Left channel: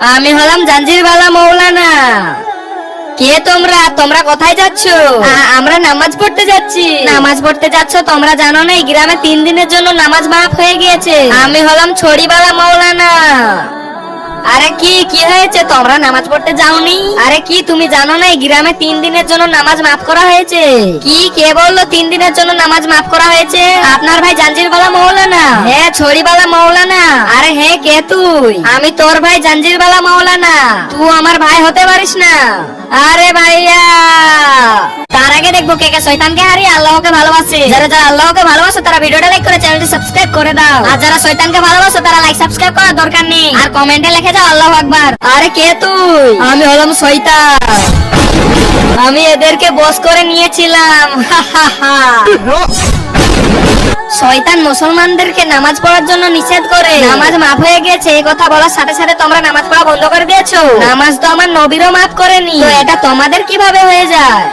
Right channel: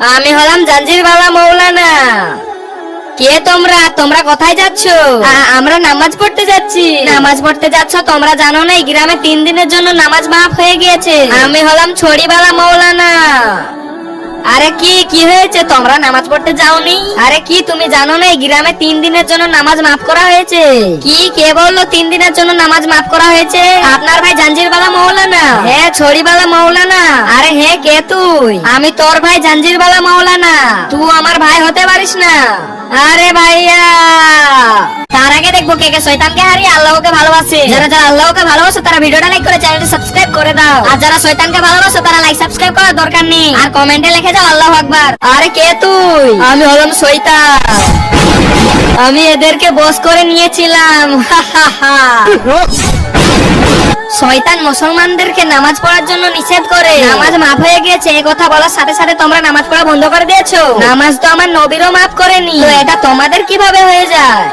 আমি হলাম জাঞ্জিরওয়ালা মৌলানা। কে তোমরা? তোমরা কোথায় যাচ্ছ? আমরা নামাজ পড়তে যাচ্ছি। নামাজ পড়তে যাচ্ছ? তোমরা জানো না এই গ্রামে 3 দিনের জন্য নামাজ মাফ হয়ে গিয়েছে। আমি হলাম ছড়িওয়ালা মৌলানা। আরে কি হয়েছে? তোমরা নামাজ পড়তে যাওনি? আরে কি তুমি জানো না এই গ্রামে 3 দিনের জন্য নামাজ মাফ করা হয়েছে? কে বললো 3 দিনের জন্য নামাজ মাফ করা হয়েছে? আপনার ভাই জাঞ্জিরওয়ালা মৌলানা। হ্যাঁ, ছড়িওয়ালা মৌলানা। আরে হ্যাঁ, কে তুই? আমি তোর ভাই জাঞ্জিরওয়ালা মৌলানা। তুই আমার ভাই হতে পারিস না। আরে ভাইয়া, তার আগে দেখবো কে কে শয়তানকে হারিয়ে আল্লাহকে ভালোবাসে। যারা যারা আল্লাহকে ভালোবাসে তারা ভিডিওটা লাইক করে চ্যানেলটি সাবস্ক্রাইব করে দাও। আর যারা শয়তানকে ভালোবাসে তারা লাইক সাবস্ক্রাইব করার দরকার নেই। আর কমেন্টে লিখে যাও আল্লাহু আকবার। আরে কে তুই? আমি হলাম শয়তান। আমি এদেরকে বশ করে নিয়েছিলাম। শয়তান মুসলমানদেরকে নামাজ পড়ার জন্য নিষেধ করে। নামাজ মাফ হয়ে গেছে এই কথা বলার সাথে সাথে তোমরা নামাজ পড়া বন্ধ করে দিয়েছো। নামাজ তো আমার নবীরও মাফ করেনি, তো এটা তোমাদের কিভাবে হয়ে যায়?